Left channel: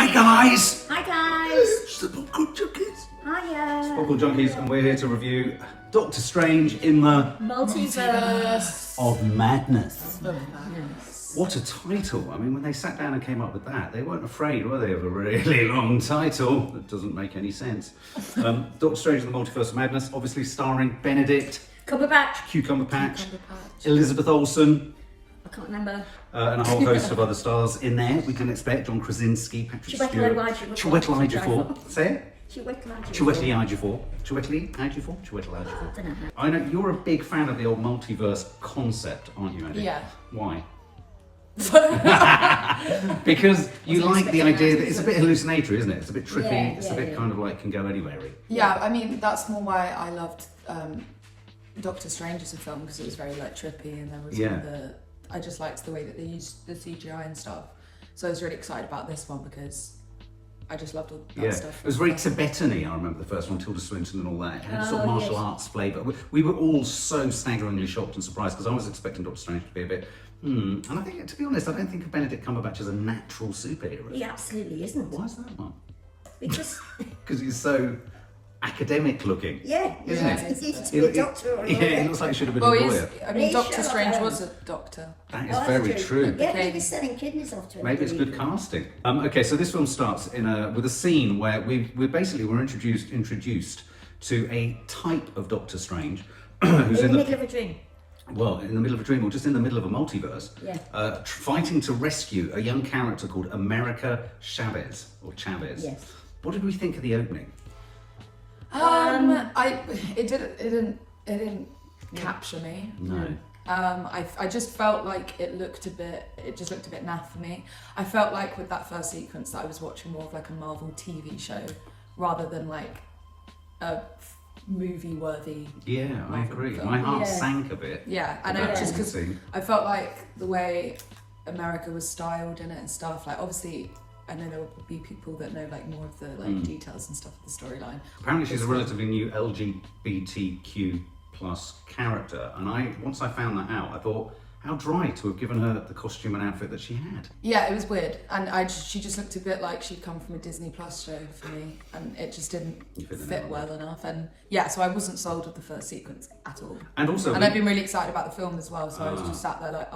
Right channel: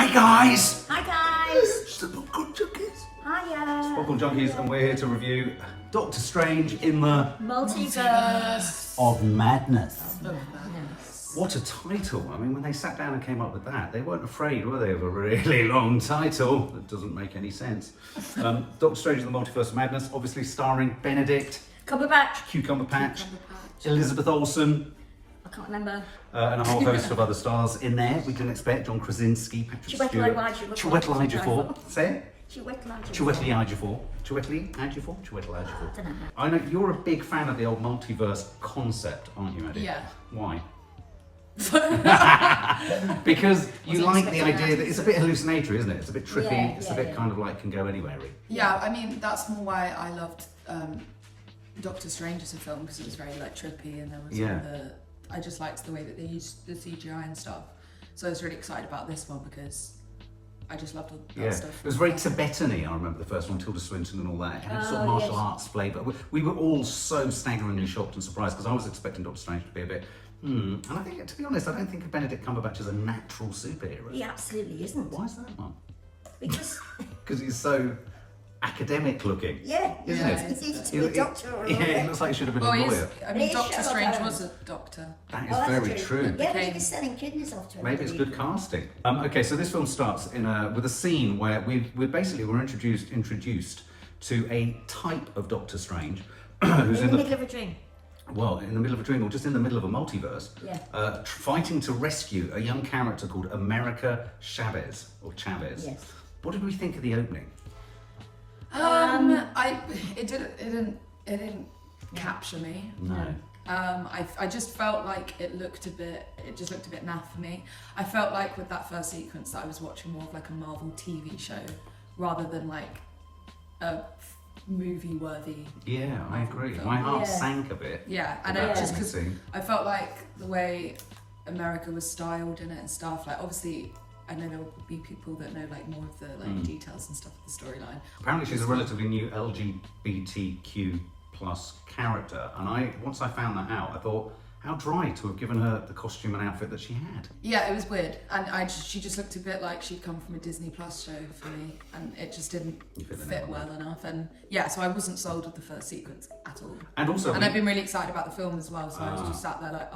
Hi guys! Hi guys! It's the Popcorn Junkies. Hiya! It's Popcorn Junkies, and we're here to review Doctor Strange in the Multiverse of Madness. of Madness. What a title! I mean, when they sat down and came up with that, they weren't afraid, were they, of a really long title that doesn't make any sense. Doctor Strange in the Multiverse of Madness, obviously starring Benedict Cumberbatch. Elizabeth Olsen, I can't remember. and a whole host of other stars in there. We didn't expect John Krasinski, Patrick Stewart, Chiwetel Ejiofor. Say it. Chiwetel Ejiofor. I know you're a big fan of the old multiverse concept, aren't you, Eddie? Yeah. Why? Because you like the idea that it's a bit hallucinatory, isn't it? It's a bit trippy. It's a bit kind of like can go anywhere. Yeah, I mean that's more why I loved Doctor Strange as a film, because it was very like trippy, and there was I just liked the way that they used the CGI and stuff. So I was really excited about this one because I just loved all that stuff. It was very Tibetan-y, I remember the first one, Tilda Swinton and all that. It had sort of martial arts flavour. We were all so staggeringly shocked and surprised because I was expecting Doctor Strange to be a bit, And I think, to be honest, I don't think of Benedict Cumberbatch as a natural superhero. He absolutely isn't. Why is that, Mark? Because he's so academic looking. Isn't it? He's a doctor or he looks like he should have been a lawyer. I mean, Doctor Strange was a doctor. That is very true. Yeah, he was selling kidneys off to him. Maybe it's good casting. Okay, so this film starts with a scene where we're introduced to a type of Doctor Strange who's in the middle of a dream. Well, in the middle of a dream, or just in the middle of a multiverse, fighting to rescue a young character called America Chavez. Yes. What did we think of the opening? It didn't capture me. No. I just felt like it just looked a bit naff for me. I felt like with that first sequence that I was watching more of like a Marvel TV show rather than like a movie worthy. Yeah, I agree. My heart sank a bit. Yeah, and just because I felt like the way America was styled in it and stuff, like obviously I know there will be people that know like more of the like details and stuff of the storyline. Apparently she's a relatively new LGBTQ plus character, and once I found that out, I thought, how dry to have given her the costume and outfit that she had. Yeah, it was weird, and she just looked a bit like she'd come from a Disney Plus show for me, and it just didn't fit well enough. And so I wasn't sold with the first sequence at all. And also, I've been really excited about the film as well, so I was just sat there like,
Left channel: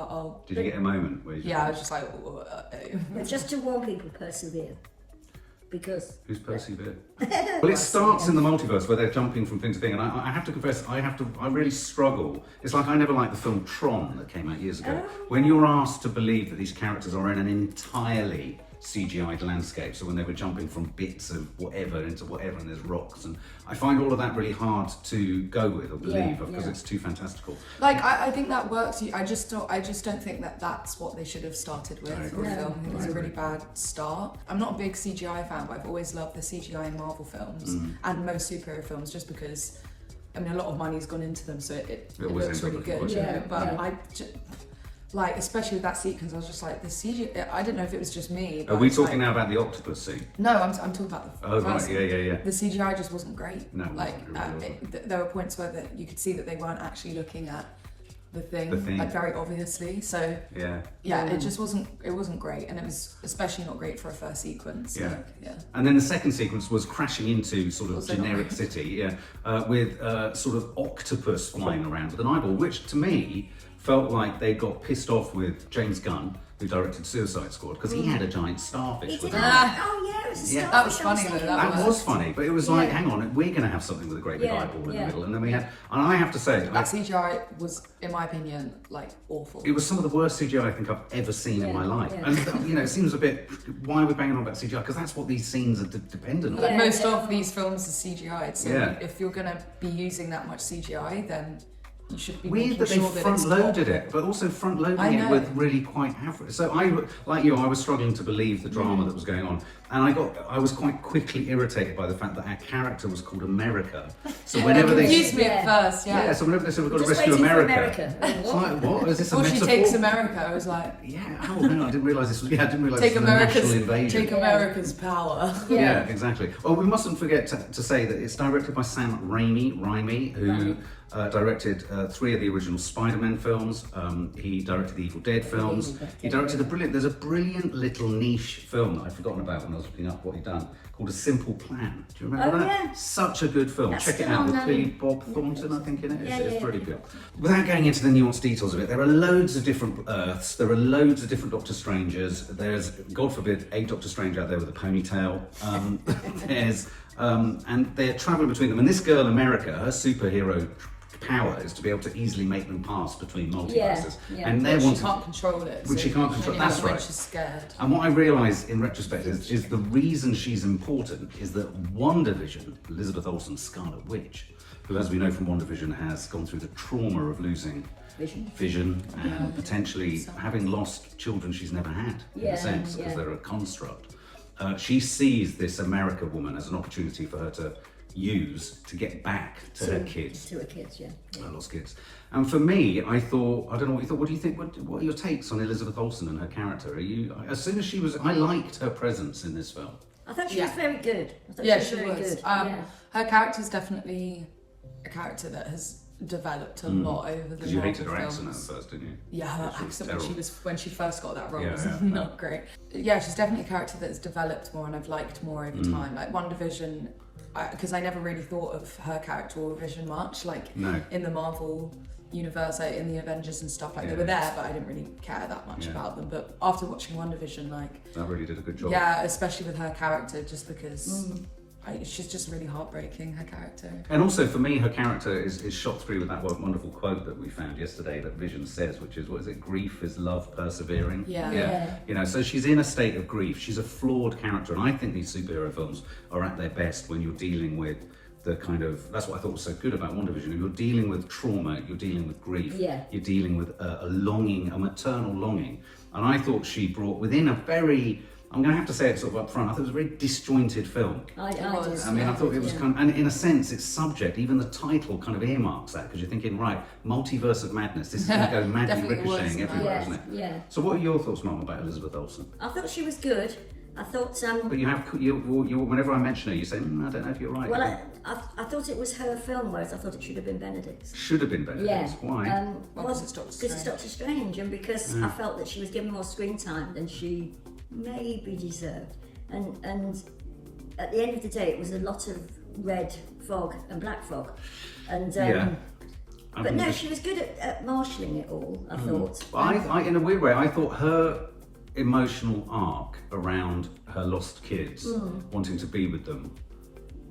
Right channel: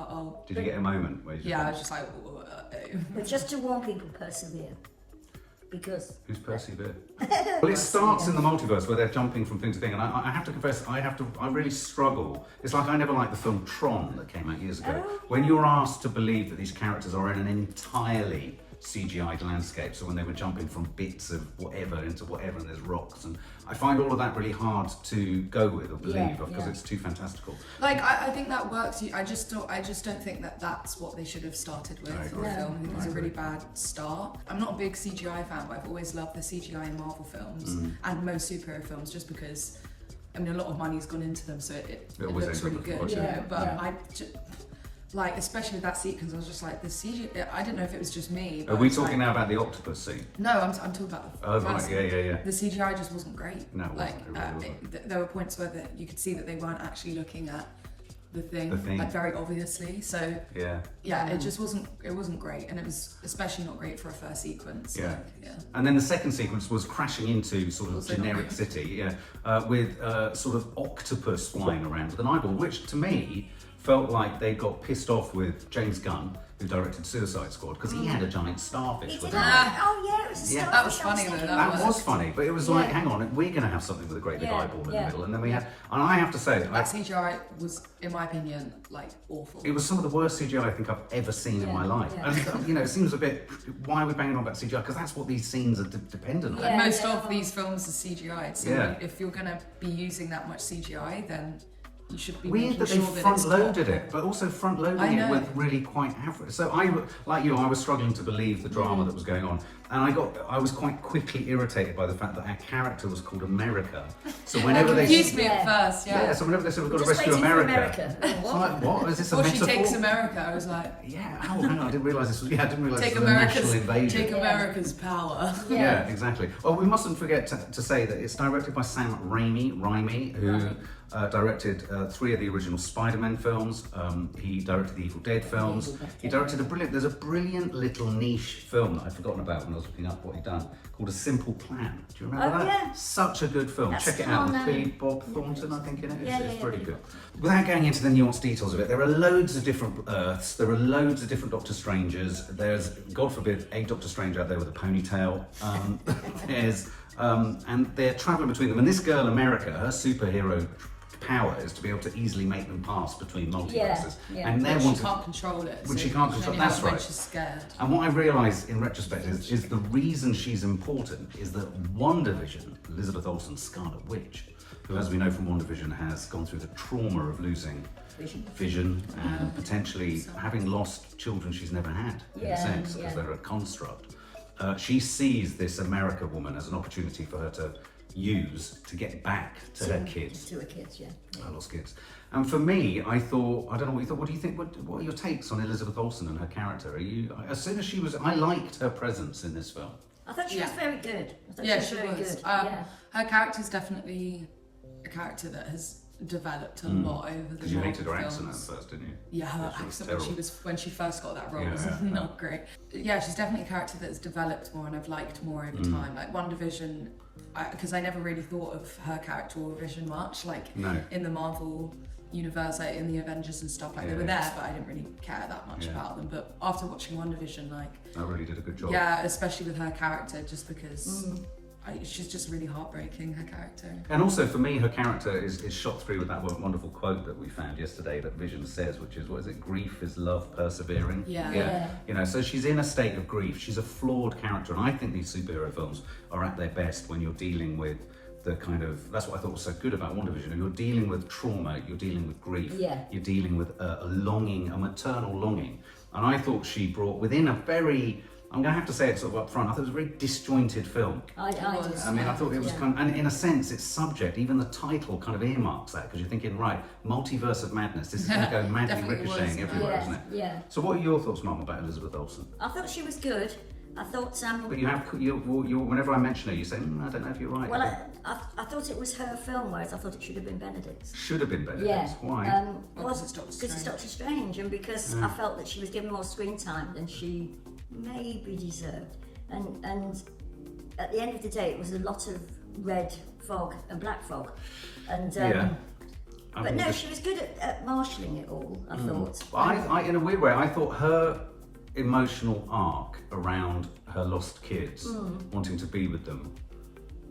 Did you get a moment where I was just like, But just to warn people, persevere. Because who's persevere? Well, it starts in the multiverse where they're jumping from thing to thing, and I have to confess, I really struggle. It's like I never liked the film Tron that came out years ago. When you're asked to believe that these characters are in an entirely CGI'd landscape, so when they were jumping from bits of whatever into whatever, and there's rocks, and I find all of that really hard to go with or believe because it's too fantastical. Like I think that works. I just don't think that that's what they should have started with for the film. It was a really bad start. I'm not a big CGI fan, but I've always loved the CGI in Marvel films and most superhero films, just because I mean a lot of money's gone into them, so it looks really good. Like, especially with that sequence, I was just like, the CGI, I didn't know if it was just me. Are we talking now about the octopus scene? No, I'm talking about the first right, yeah. The CGI just wasn't great. No, there were points where you could see that they weren't actually looking at the thing, like very obviously. So it just wasn't great, and it was especially not great for a first sequence. And then the second sequence was crashing into sort of generic city, with sort of octopus flying around with an eyeball, which to me felt like they got pissed off with James Gunn, who directed Suicide Squad, because he had a giant starfish with him. That was funny though. That was funny, but it was like, hang on, we're going to have something with a great big eyeball in the middle, and then we had, and I have to say, that CGI was, in my opinion, like awful. It was some of the worst CGI I think I've ever seen in my life, and it seems a bit. Why are we banging on about CGI? Because that's what these scenes are dependent on. Like most of these films are CGI, so if you're going to be using that much CGI, then you should be weird that they front-loaded it, but also front-loading it with really quite average. So I was struggling to believe the drama that was going on, and I was quite quickly irritated by the fact that our character was called America. So whenever they confused me at first, so whenever they said we've got to rescue America, it's like, what is this a metaphor? She takes America. I was like, I didn't realise this was. I didn't realise this was a national invasion. Take America's power. Yeah, exactly. Well, we mustn't forget to say that it's directed by Sam Raimi, who directed 3 of the original Spider-Man films. He directed the Evil Dead films. He directed there's a brilliant little niche film that I'd forgotten about when I was looking up what he'd done, called A Simple Plan. Do you remember that? Yeah. Such a good film. That's Check it still out on with there. Billy Bob Thornton, I think, in it. It's Yeah. really good. Without going into the nuanced details of it, there are loads of different Earths. There are loads of different Doctor Strangers. There's, God forbid, a Doctor Strange out there with a ponytail. And they're travelling between them. And this girl, America, her superhero power is to be able to easily make them pass between multiverses. Yeah. And they're She wanting. can't control it. Which she can't control, only that's have it when right. she's scared. And what I realise in retrospect is the reason she's important is that WandaVision, Elizabeth Olsen, Scarlet Witch, who, as we know from WandaVision, has gone through the trauma of losing vision and potentially having lost children she's never had, in a sense, because they're a construct. She sees this America woman as an opportunity for her to use to get back to her kids. To her kids, yeah. Her lost kids. And for me, I thought, I don't know what you thought, what do you think, what are your takes on Elizabeth Olsen and her character? As soon as I liked her presence in this film. I thought she was very good. I thought Yeah, she she was very was. good. Her character's definitely a character that has developed a lot over the Because you hated her Marvel accent at films. first, didn't you? Yeah, her She was accent when she first got that role Yeah, was yeah. not great. Yeah, she's definitely a character that's developed more and I've liked more over time. Like WandaVision, because I never really thought of her character or Vision much. Like in the Marvel universe, like in the Avengers and stuff, like they were there, but I didn't really care that much about them. But after watching WandaVision, like that really did a good job. yeah, especially with her character, just because she's just really heartbreaking, her character. And also for me, her character is shot through with that wonderful quote that we found yesterday that Vision says, which is, what is it? Grief is love persevering. Yeah. You know, so she's in a state of grief. She's a flawed character. And I think these superhero films are at their best when you're dealing with the kind of, that's what I thought was so good about WandaVision. You're dealing with trauma, you're dealing with grief, you're dealing with a longing, a maternal longing. And I thought she brought within a very, I'm going to have to say it sort of up front, I thought it was a very disjointed film. I mean, I thought it was kind of, and in a sense, its subject, even the title kind of earmarks that, because you're thinking, right, Multiverse of Madness, this is going to go madly ricocheting everywhere, isn't it? Yeah. So what are your thoughts, Mum, about Elizabeth Olsen? I thought she was good. I thought But you whenever I mention her, you say, I don't know if you're right. Well, I thought it was her film, whereas I thought it should have been Benedict's. Should have been Benedict's. Why? Because it's Doctor Strange. Because it's Doctor Strange, and because I felt that she was given more screen time than she maybe deserved. And at the end of the day, it was a lot of red fog and black fog. And but no, she was good at marshalling it all, I thought. I in a weird way, I thought her emotional arc around her lost kids, wanting to be with them,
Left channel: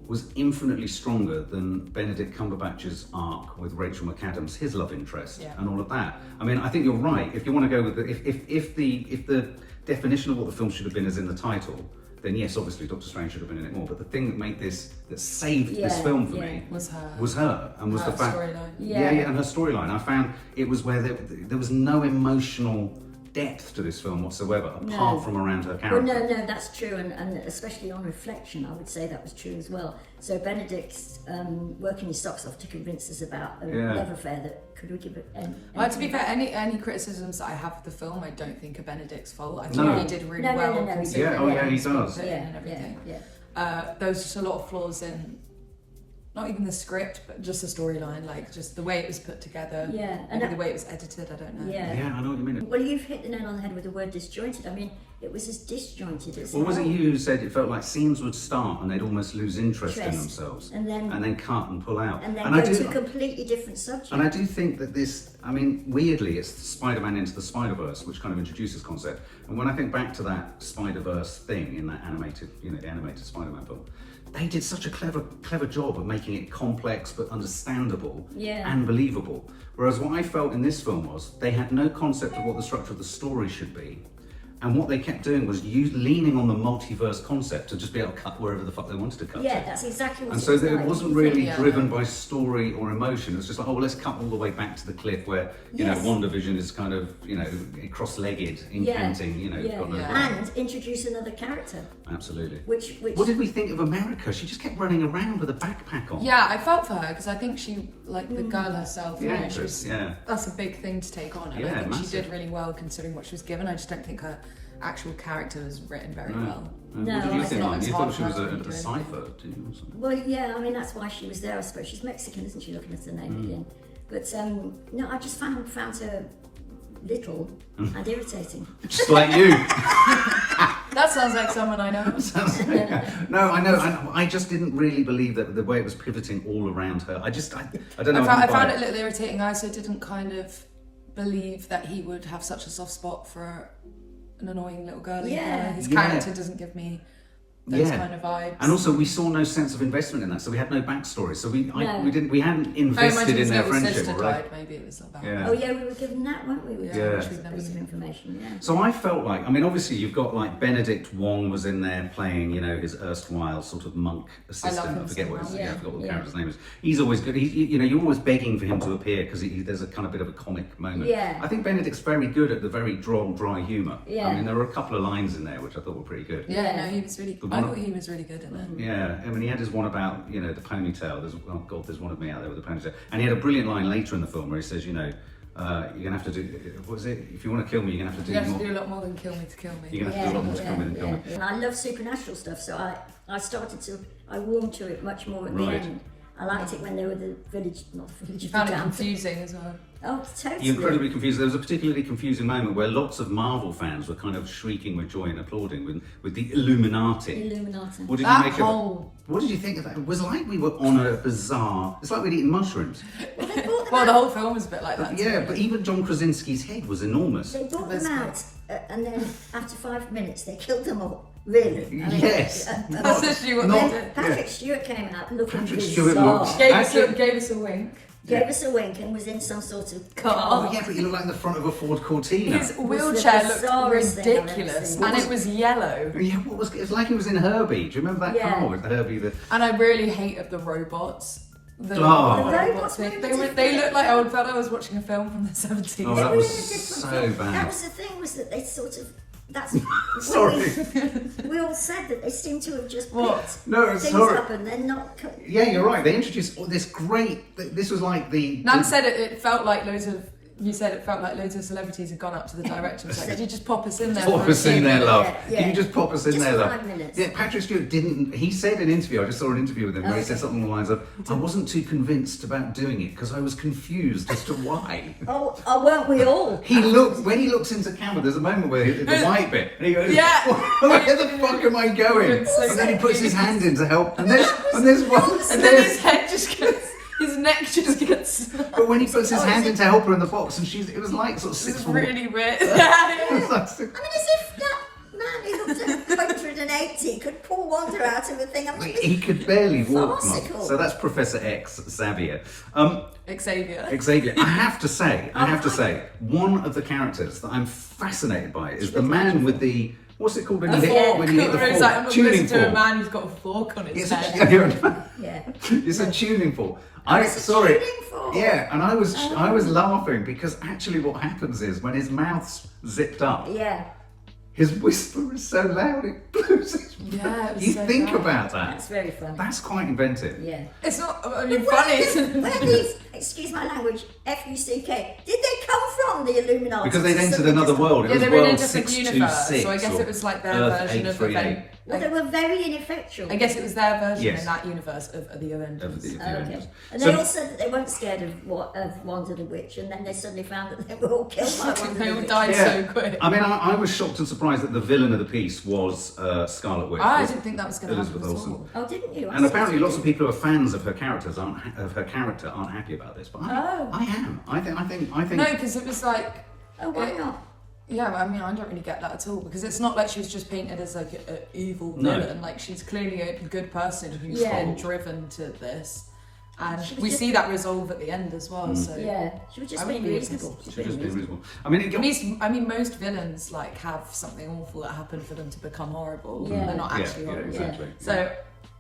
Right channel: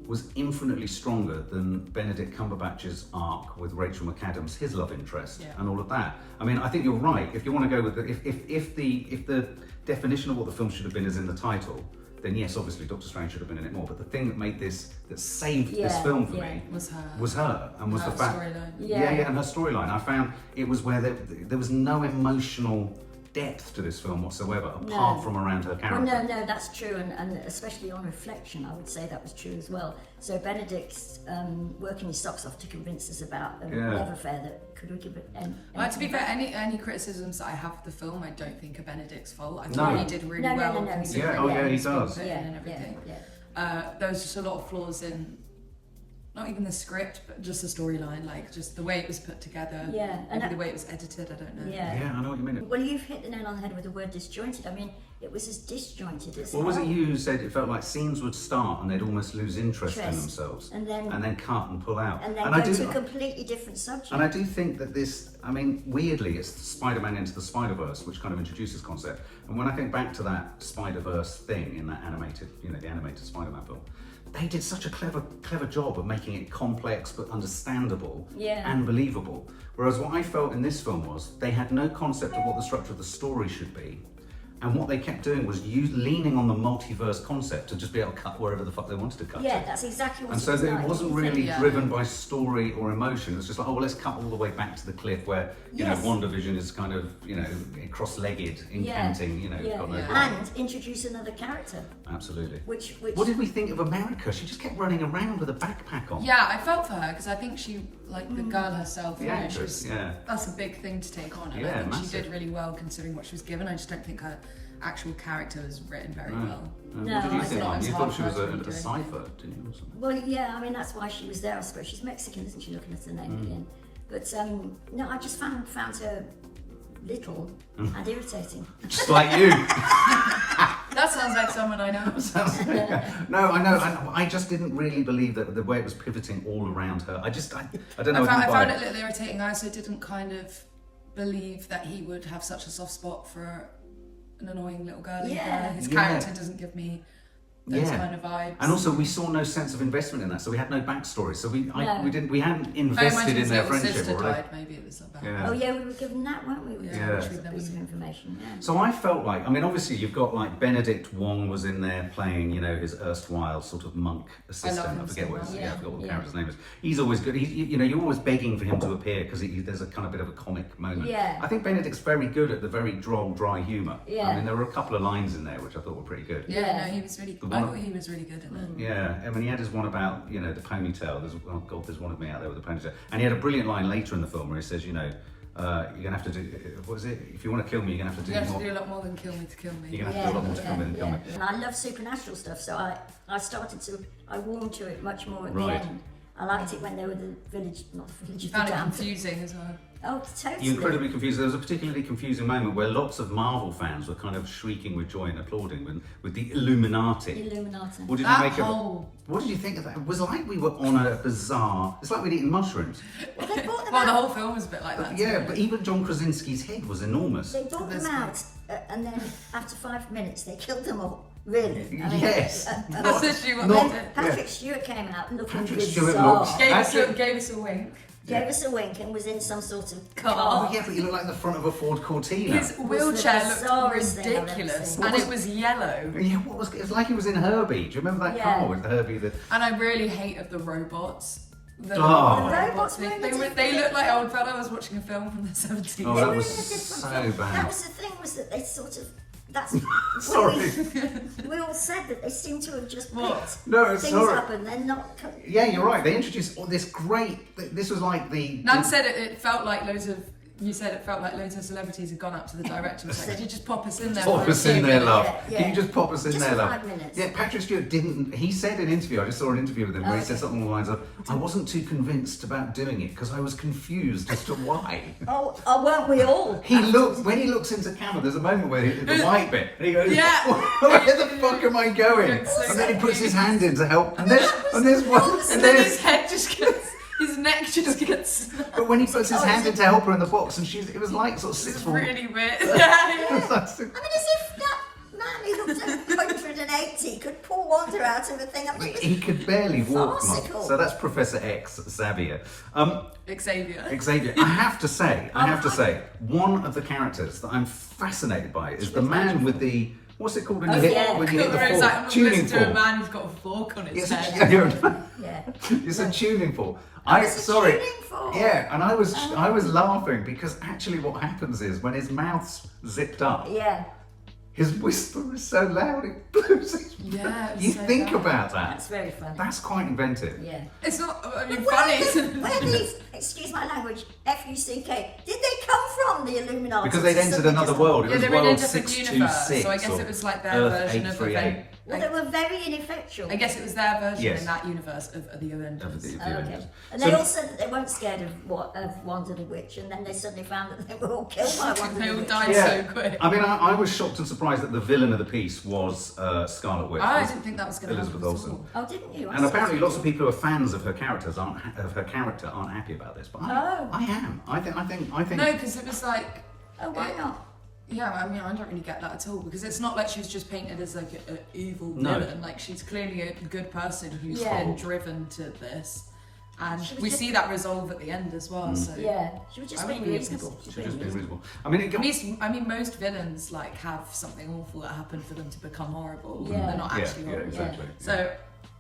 was infinitely stronger than Benedict Cumberbatch's arc with Rachel McAdams, his love interest, and all of that. I mean, I think you're right. If you want to go with if the definition of what the film should have been is in the title, then yes, obviously Doctor Strange should have been in it more. But the thing that saved this film for me was her, and was her the fact, storyline. and her storyline. I found it was where there was no emotional depth to this film whatsoever, apart from around her character. Well, no, that's true, and especially on reflection, I would say that was true as well. So Benedict's working his socks off to convince us about a love affair that could we give it. To be fair, any criticisms that I have of the film, I don't think are Benedict's fault. I think he did really well. No, he does. And everything. There was just a lot of flaws in. Not even the script, but just the storyline, like just the way it was put together. Maybe the way it was edited, I don't know. Yeah, I know what you mean. Well, you've hit the nail on the head with the word disjointed. I mean, it was as disjointed as... Well, was it you who said it felt like scenes would start and they'd almost lose interest in themselves? And then cut and pull out. And then go to a completely different subject. And I do think that this, I mean, weirdly, it's Spider-Man Into the Spider-Verse, which kind of introduces concept. And when I think back to that Spider-Verse thing in that animated, the animated Spider-Man film, they did such a clever job of making it complex but understandable and believable. Whereas what I felt in this film was they had no concept of what the structure of the story should be. And what they kept doing was leaning on the multiverse concept to just be able to cut wherever the fuck they wanted to cut. Yeah, that's exactly what it was. And so it wasn't really driven by story or emotion. It was just like, let's cut all the way back to the cliff where, WandaVision is kind of, cross-legged, incanting, God knows what. And introduce another character. Absolutely. Which What did we think of America? She just kept running around with a backpack on. Yeah, I felt for her because I think she, like the girl herself, that's a big thing to take on. And I think she did really well considering what she was given. I just don't think her actual character was written very well. No, what did you I think? thought it was You thought hard she for was her a to do cipher, didn't you? Or something? Well, yeah, I mean, that's why she was there, I suppose. She's Mexican, isn't she, looking at her name again? But, no, I just found her little and irritating. Just like you. That sounds like someone I know. No, I know. I just didn't really believe that the way it was pivoting all around her. I don't know. I found it a little irritating. I also didn't kind of believe that he would have such a soft spot for an annoying little girly Yeah. girl. His Yeah. character doesn't give me those kind of vibes. And also, we saw no sense of investment in that, so we had no backstory. So we hadn't I invested imagine in their his friendship. sister Already. died. Maybe it was about. Yeah. Oh, yeah, we were given that, weren't we? Yeah. That was some information, yeah. So I felt like, I mean, obviously you've got like Benedict Wong was in there playing, you know, his erstwhile sort of monk assistant. I forget what his, I forgot what the character's name is. He's always good. You know, you're always begging for him to appear because there's a kind of bit of a comic moment. Yeah. I think Benedict's very good at the very droll, dry humour. Yeah. I mean, there were a couple of lines in there which I thought were pretty good. Yeah, no, he was really. The I one- thought he was really good in it. Yeah, I mean, he had his one about, you know, the ponytail. There's one of me out there with a ponytail. And he had a brilliant line later in the film where he says, you know, you're going to have to do, what was it? If you want to kill me, you're going to have to do You have more. to do a lot more than kill me to kill me. You're going to have to do a lot more to kill me than kill me. And I love supernatural stuff, so I warmed to it much more at Right. the end. I liked it when they were the village, not the village. You found it the damn- confusing as well. Oh, totally. You're incredibly confused. There was a particularly confusing moment where lots of Marvel fans were kind of shrieking with joy and applauding with the Illuminati. Illuminati. What did That you make whole- of? What did you think of that? It was like we were on a bizarre. It's like we'd eaten mushrooms. Well, they brought them Well, out. the whole film was a bit like that. Yeah, but even John Krasinski's head was enormous. They brought them That's out, and then after 5 minutes, they killed them all. Really? I mean, Yes. That's literally what not- they did. Patrick Stewart came out looking Patrick bizarre. Stewart looked- Gave us a wink. Gave us a wink and was in some sort of Car. Oh yeah, but you look like the front of a Ford Cortina. His wheelchair the looked bizarrest thing I've ever ridiculous, seen. and it was yellow. Yeah, what was it was like he was in Herbie. Do you remember that Yeah. car with Herbie? And I really hated the robots. The Oh. robots. The robots They looked like old felt I was watching a film from the 70s. Oh, They that were was in a different so film. bad. That was the thing, was that they sort of. That's Sorry. We all said that they seem to have just What? picked No, it's things sorry. up and they're not. Yeah, you're right. They introduced this great. This was like the. Nan said it felt like loads of. You said it felt like loads of celebrities had gone up to the director and was like, "Could you just pop us in there?" Pop for a us few in there, minutes?" love. Yeah, Can you yeah. just pop us in Just there, for love? 5 minutes. Yeah, Patrick Stewart didn't. He said in an interview. I just saw an interview with him where he said something along the lines of, "I wasn't too convinced about doing it because I was confused as to why." Oh, weren't we all? He looks when he looks into camera. There's a moment where the white bit, and he goes, Yeah. Where the fuck am I going?" Looks so And then he puts his confused. hand in to help, and there's one, And and then there's. his head just gets, his neck just gets. But when he puts his hand in to help her in the box, and it was like sort of It's 6 foot. really weird. It Yeah. was like I mean, as if that man who looked at 180 could pull Wanda out of a thing. I mean, He could barely walk, Mark. Farcical. So that's Professor X, Xavier. Xavier. Xavier, I have to say, one of the characters that I'm fascinated by is the man with the, what's it called when you hit fork. when you hit the Where fork? it's like, I'm not Tuning listening to a fork. man who's got a fork on his It's head. yeah. it's a tuning fork. it's a tuning fork. Yeah, and I was laughing because actually what happens is when his mouth's zipped up, Yeah. his whisper is so loud it blows his Yeah, it was You so think bad. about that. That's very funny. That's quite inventive. Yeah. It's not, I mean, Where funny, did- isn't Where it? these, excuse my language, F-U-C-K, did they come from, the Illuminati? Because they'd entered another world. It Yeah, was they were in a world different 626. universe, so I guess or it was like their Earth version of 838. event. Well, they were very ineffectual. I guess it was their version Yes. in that universe of the Avengers. Of the Oh, okay. Avengers. And So- they all said that they weren't scared of Wanda the Witch, and then they suddenly found that they were all killed by Wanda They the all Witch. died Yeah. so quick. I mean, I was shocked and surprised that the villain of the piece was Scarlet Witch. I was didn't think that was going to happen Elizabeth at Olsen. all. Oh, didn't you? I And saw apparently, that. lots of people who are fans of her characters aren't happy about this. But I am. I think. No, because it was like, Oh, why not? yeah, I mean, I don't really get that at all because it's not like she was just painted as like an evil No. villain. Like she's clearly a good person who's Yeah. been driven to this, and She was we just- see that resolve at the end as well. So Yeah, she was just I being wouldn't be reasonable. interested. Should just be reasonable. I mean, I mean, most villains like have something awful that happened for them to become horrible. Yeah. They're not yeah, actually yeah, horrible. exactly. So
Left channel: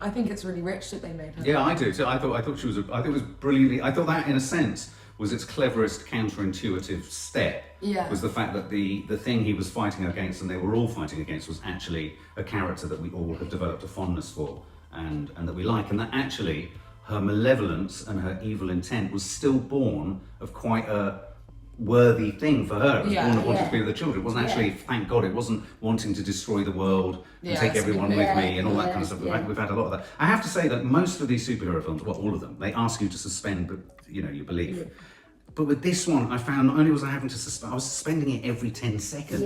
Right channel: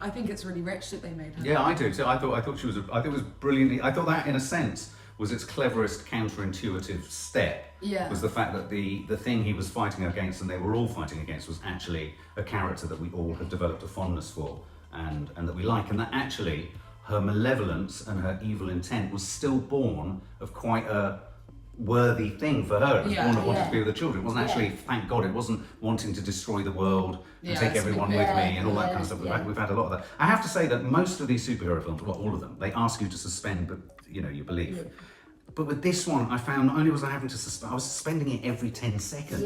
I think it's really rich that they made her. Yeah, I do. So I thought she was. I think it was brilliantly. I thought that, in a sense, was its cleverest counterintuitive step. Yeah. Was the fact that the thing he was fighting against, and they were all fighting against, was actually a character that we all have developed a fondness for, and that we like, and that actually her malevolence and her evil intent was still born of quite a worthy thing for her. It was Yeah. born of wanting to be with the children. It wasn't actually, thank God, it wasn't wanting to destroy the world and take everyone with me and all that kind of stuff. We've had a lot of that. I have to say that most of these superhero films, well, all of them, they ask you to suspend, your belief. But with this one, I found not only was I having to suspend, I was suspending it every 10 seconds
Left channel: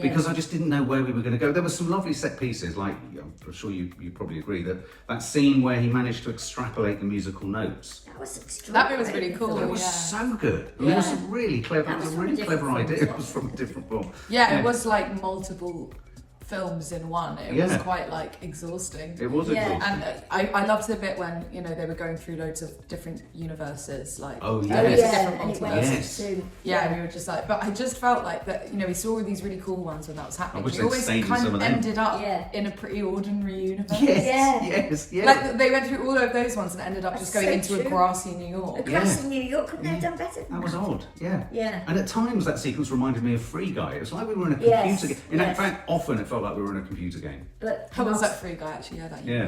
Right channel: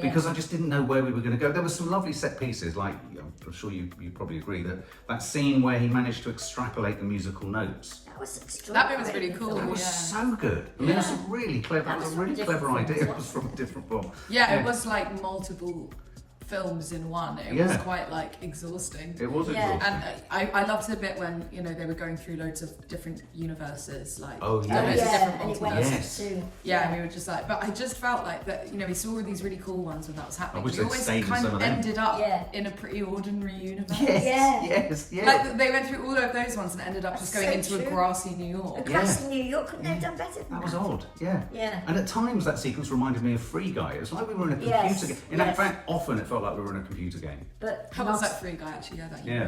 because I just didn't know where we were going to go. There were some lovely set pieces, like I'm sure you probably agree that scene where he managed to extrapolate the musical notes. That bit was really cool. It was so good. I mean, it was a really clever. That was a really clever idea. It was from a different film. Yeah, it was like multiple films in one. It was quite like exhausting. It was exhausting. And I loved the bit when they were going through loads of different universes, like different multiverses. And we were just like, but I just felt like that. We saw all these really cool ones when that was happening. I wish we always stayed in kind some of of them. ended up in a pretty ordinary universe. Yes. Like they went through all of those ones and ended up just going into a grassy New York. A grassy New York, couldn't they have done better than That was odd, Yeah. And at times that sequence reminded me of Free Guy. It was like we were in a computer game. In fact, often it felt like we were in a computer game. But How was that Free Guy actually?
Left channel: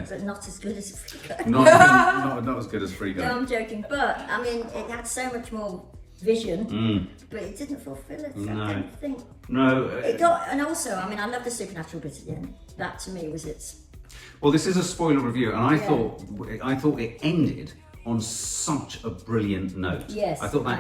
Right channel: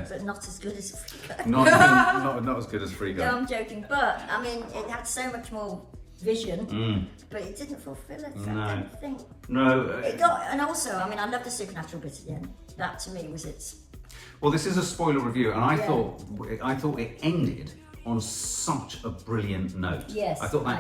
But not as good as Free Guy. Not as good as Free Guy. No, I'm joking. But I mean, it had so much more vision, but it didn't fulfil it. No. I don't think. No. It got, and also, I mean, I love the supernatural bit at the end. That to me was its. Well, this is a spoiler review, and I thought it ended on such a brilliant note. Yes, I thought that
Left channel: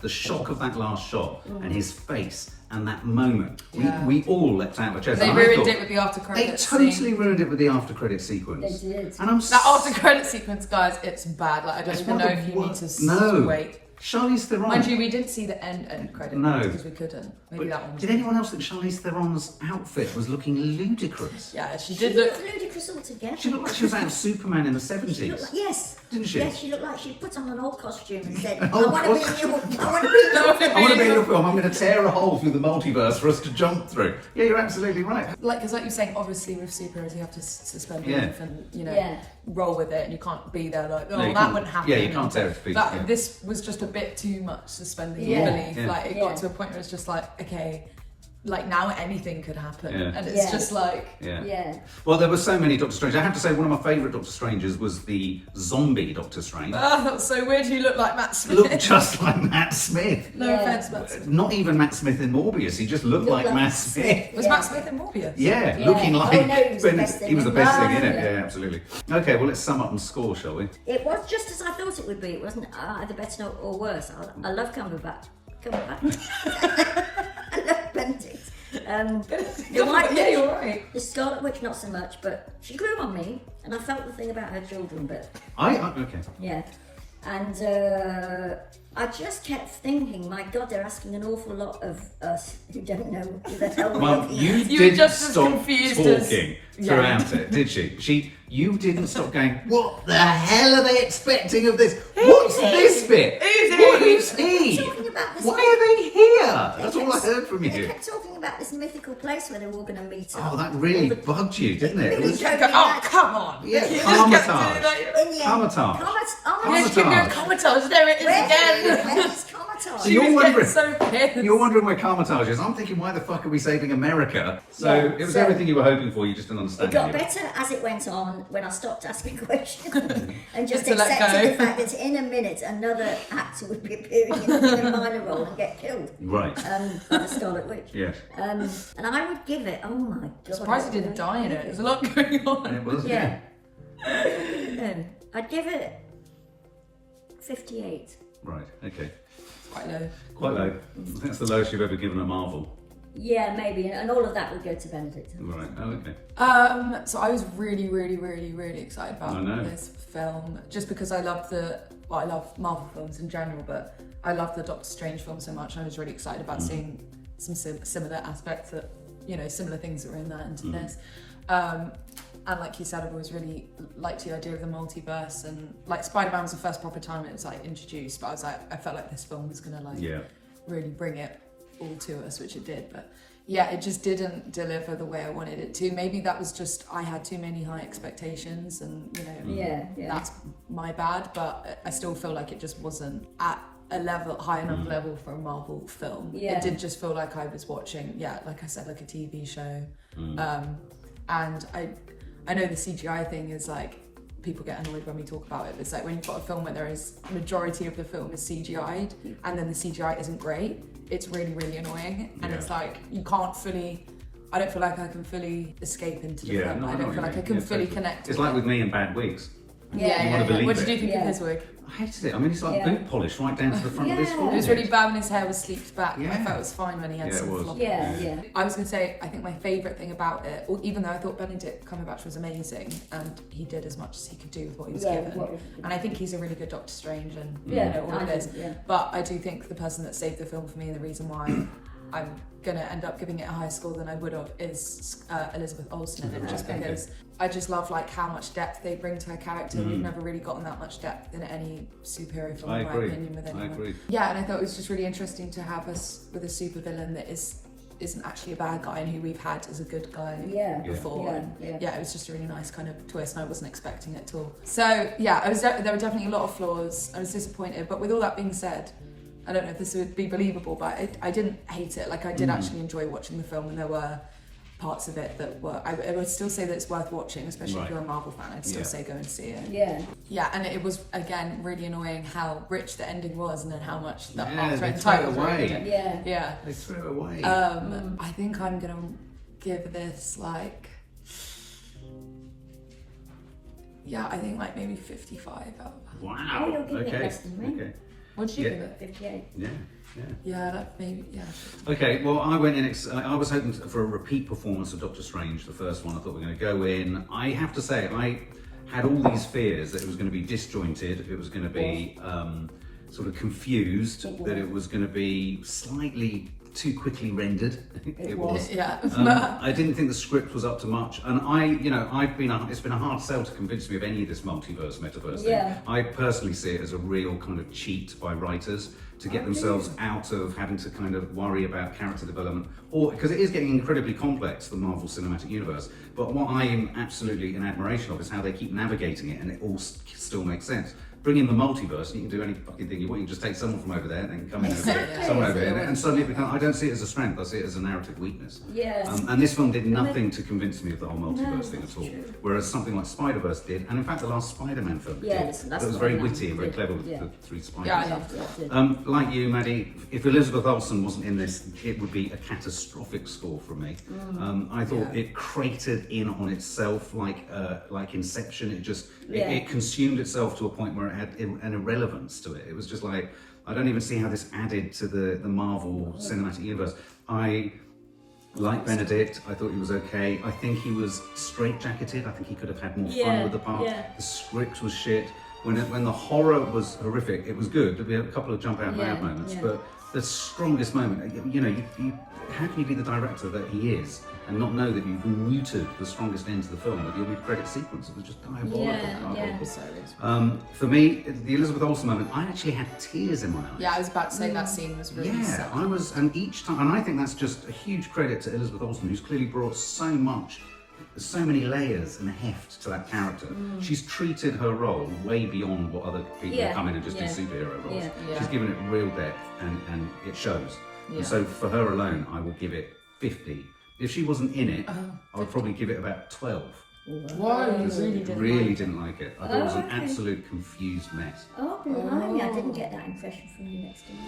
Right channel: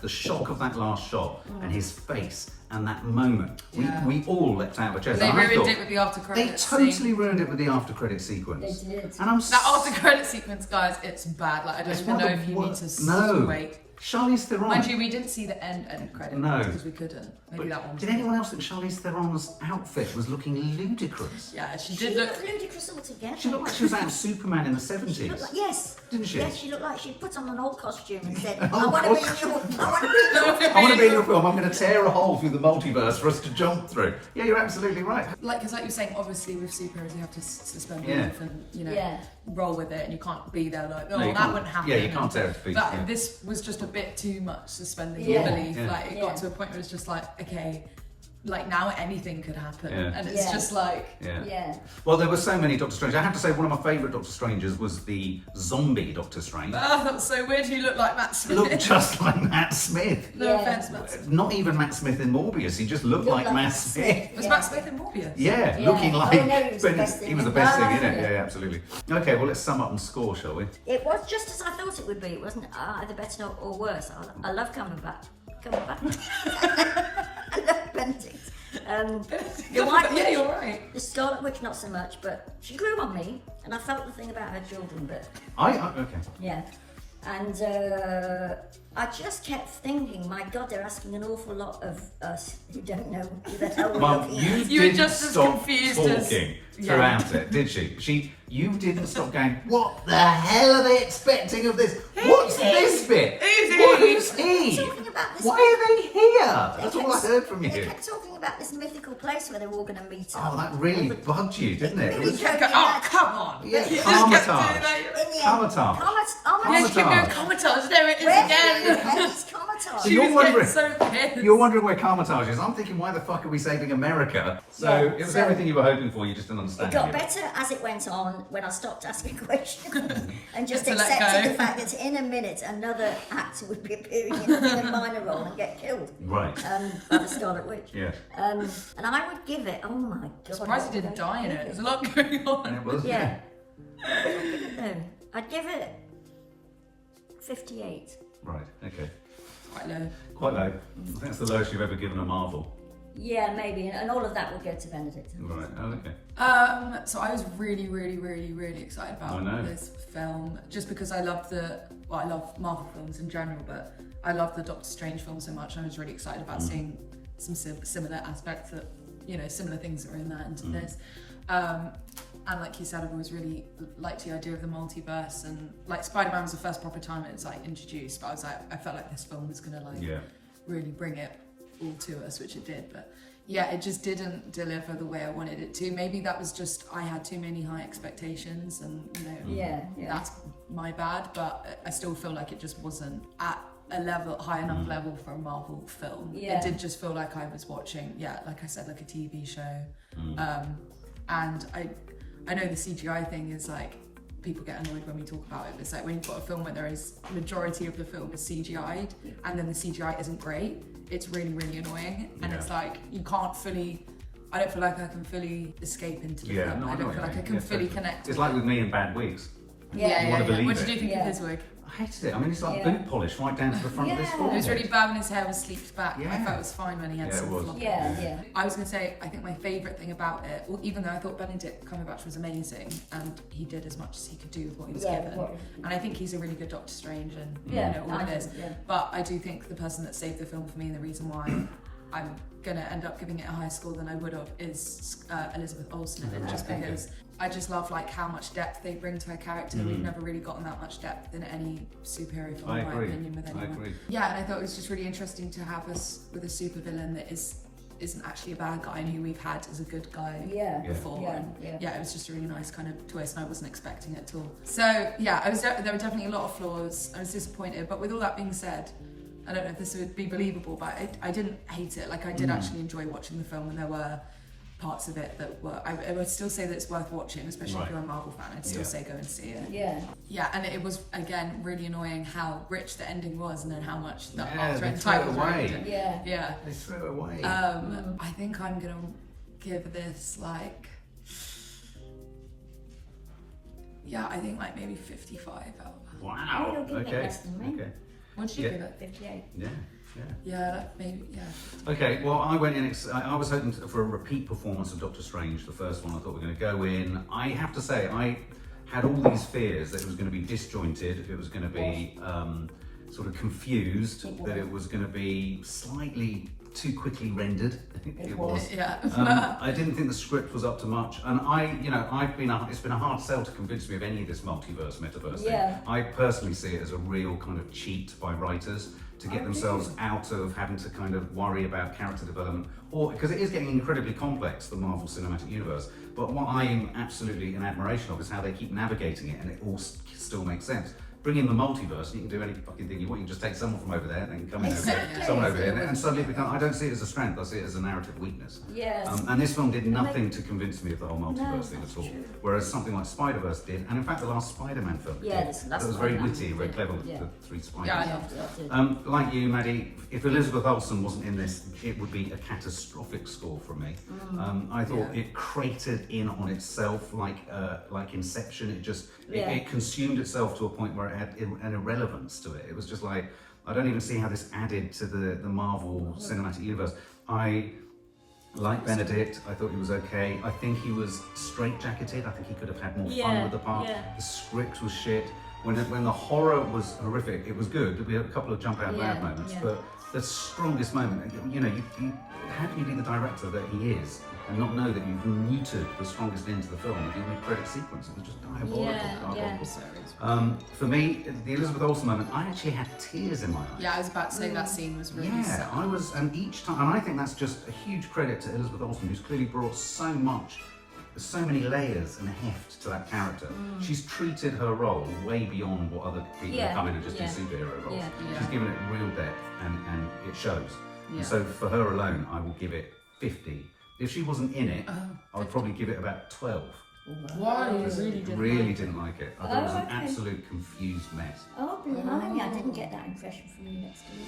the shock of that last shot, and his face, and that moment, we all leapt out of our chairs. They ruined it with the after credits. They totally ruined it with the after credit sequence. They did. And that after credit sequence, guys, it's bad. Like I don't even know if you need to wait. Charlize Theron. Mind you, we didn't see the end credit because we couldn't. Maybe that one. Did anyone else think Charlize Theron's outfit was looking ludicrous? Yeah, she did look ludicrous altogether. She looked like she was out of Superman in the 70s. She looked like, yes. Didn't she? Yes, she looked like she put on an old costume and said, An I old want to be in your film. I want to be in your film. I'm going to tear a hole through the multiverse for us to jump through. Yeah, you're absolutely right. Because like you're saying, obviously with superheroes you have to suspend belief and roll with it, and you can't be there like, that wouldn't happen. Yeah, you can't tear it to pieces. But this was just a bit too much suspending belief. Yeah. Like it got to a point where it's just like, okay, like now anything could happen, and it's just like Well, there were so many Doctor Strange. I have to say one of my favourite Doctor Stranges was the zombie Doctor Strange. That's so weird. You look like Matt Smith. Looked just like Matt Smith. No offense, Matt Smith. Not even Matt Smith in Morbius. He just looked like Matt Smith. Was Matt Smith in Morbius? Yeah, looking like he was the best thing thing. in it. Yeah, absolutely. Okay, well let's sum up and score, shall we? It was just as I thought it would be. It wasn't either better or worse. I love Cumberbatch. I love Benedict. You're right. The Scarlet Witch, not so much, but she grew on me, and I felt the thing about her children. But Okay. yeah, and I just kept thinking, my God, they're asking an awful lot of us who don't know who the hell Well, you were didn't just as stop confused talking throughout it, did she? You didn't stop going, what the hell are they expecting of this? What's this bit? Who's he? Why are they here? That's all I heard from They you. kept talking about this mythical place where they're all going to meet up. Oh, that really bugged you, didn't it? really You kept going, oh, come on. Yeah, You just kept doing Comatage. that. In the end, Comatage. Yeah, she kept going, Comatage. There it is again. It's Comatage. So She you're was wondering- getting so pissed. You're wondering where Comatage is. I'm thinking, why the fuck are we saving America? So it was everything you were hoping for, you just didn't understand It got it. better as it went on when I stopped asking questions and just To let accepted go. the fact that in a minute another actor would be appearing in a minor role and get killed Right. by the Scarlet Witch. Yeah. And I would give it, oh my God. I'm surprised he didn't die in it. There's a lot going on. And it was, Yeah. I'd give it 58. Right, okay. Quite low. Quite low. I think that's the lowest you've ever given a Marvel. Yeah, maybe. And all of that would go to Benedict. Right, oh, okay. So I was really, really, really, really excited about this film, just because I love I love Marvel films in general, but I love the Doctor Strange film so much. I was really excited about seeing some similar aspects that, similar things that were in that into this. And like you said, I've always really liked the idea of the multiverse, and like Spider-Man was the first proper time it was like introduced, but I felt like this film was gonna really bring it all to us, which it did. But yeah, it just didn't deliver the way I wanted it to. Maybe that was just I had too many high expectations, and that's my bad. But I still feel like it just wasn't at a high enough level for a Marvel film. Yeah. It did just feel like I was watching, like I said, like a TV show. And I know the CGI thing is like people get annoyed when we talk about it. It's like when you've got a film where there is majority of the film is CGI'd and then the CGI isn't great, it's really, really annoying. And it's like you can't fully, I don't feel like I can fully escape into the film. I don't feel like I can fully connect. It's like with me in Bad Wigs. Yeah. What did you think of his wig? I hated it. I mean, it's like boot polish right down to the front of this forehead. It was really bad when his hair was sleeked back. I felt it was fine when he had some flop. I was going to say, I think my favourite thing about it, even though I thought Benedict Cumberbatch was amazing and he did as much as he could do with what he was given, and I think he's a really good Doctor Strange and all of this, but I do think the person that saved the film for me and the reason why I'm going to end up giving it a higher score than I would have is Elizabeth Olsen in it, just because I just love like how much depth they bring to her character. We've never really gotten that much depth in any superhero film, in my opinion, with anyone. I agree. Yeah, and I thought it was just really interesting to have us with a supervillain that isn't actually a bad guy and who we've had as a good guy before. And it was just a really nice kind of twist, and I wasn't expecting it at all. So yeah, there were definitely a lot of flaws. I was disappointed, but with all that being said, I don't know if this would be believable, but I didn't hate it. Like I did actually enjoy watching the film, and there were parts of it that were, I would still say that it's worth watching, especially if you're a Marvel fan. I'd still say go and see it. Yeah, and it was, again, really annoying how rich the ending was and then how much the after title ruined it. They threw it away. I think I'm going to give this like, I think like maybe 55 out. Wow. Oh, you're giving it less than me. Okay. What did you give it? 58. Maybe. Okay, well, I went in. I was hoping for a repeat performance of Doctor Strange, the first one. I thought we were going to go in. I have to say, I had all these fears that it was going to be disjointed, it was going to be sort of confused, that it was going to be slightly too quickly rendered. It was. I didn't think the script was up to much, and it's been a hard sell to convince me of any of this metaverse thing. I personally see it as a real kind of cheat by writers to get themselves out of having to kind of worry about character development, or because it is getting incredibly complex, the Marvel Cinematic Universe. But what I am absolutely in admiration of is how they keep navigating it, and it all still makes sense. Bring in the multiverse, you can do any fucking thing you want. You can just take someone from over there and then come in someone over here, and suddenly it becomes. I don't see it as a strength. I see it as a narrative weakness. And this film did nothing to convince me of the whole multiverse thing at all. Whereas something like Spider-Verse did, and in fact the last Spider-Man film did. That was very witty and very clever with the three spiders. I loved it. Like you, Maddie, if Elizabeth Olsen wasn't in this, it would be a catastrophic score from me. I thought it cratered in on itself like Inception. It consumed itself to a point where it had an irrelevance to it. It was just like, I don't even see how this added to the Marvel Cinematic Universe. I like Benedict. I thought he was okay. I think he was straitjacketed. I think he could have had more fun with the part. The script was shit. When the horror was horrific, it was good. We had a couple of jump out loud moments, but the strongest moment, how can you be the director that he is and not know that you've neutered the strongest end to the film with your mid-credit sequence? It was just diabolical. For me, the Elizabeth Olsen moment, I actually had tears in my eyes. Yeah, I was about to say that scene was really sad. I was, and each time, and I think that's just a huge credit to Elizabeth Olsen, who's clearly brought so many layers and heft to that character. She's treated her role way beyond what other people who come in and just do superhero roles. She's given it real depth, and it shows. And so for her alone, I will give it 50. If she wasn't in it, I would probably give it about 12. Why? You really didn't like it. I thought it was an absolute confused mess. I didn't get that impression from you next to me.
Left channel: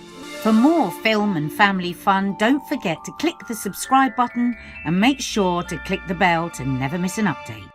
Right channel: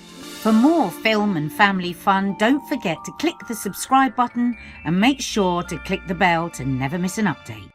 For more film and family fun, don't forget to click the subscribe button and make sure to click the bell to never miss an update.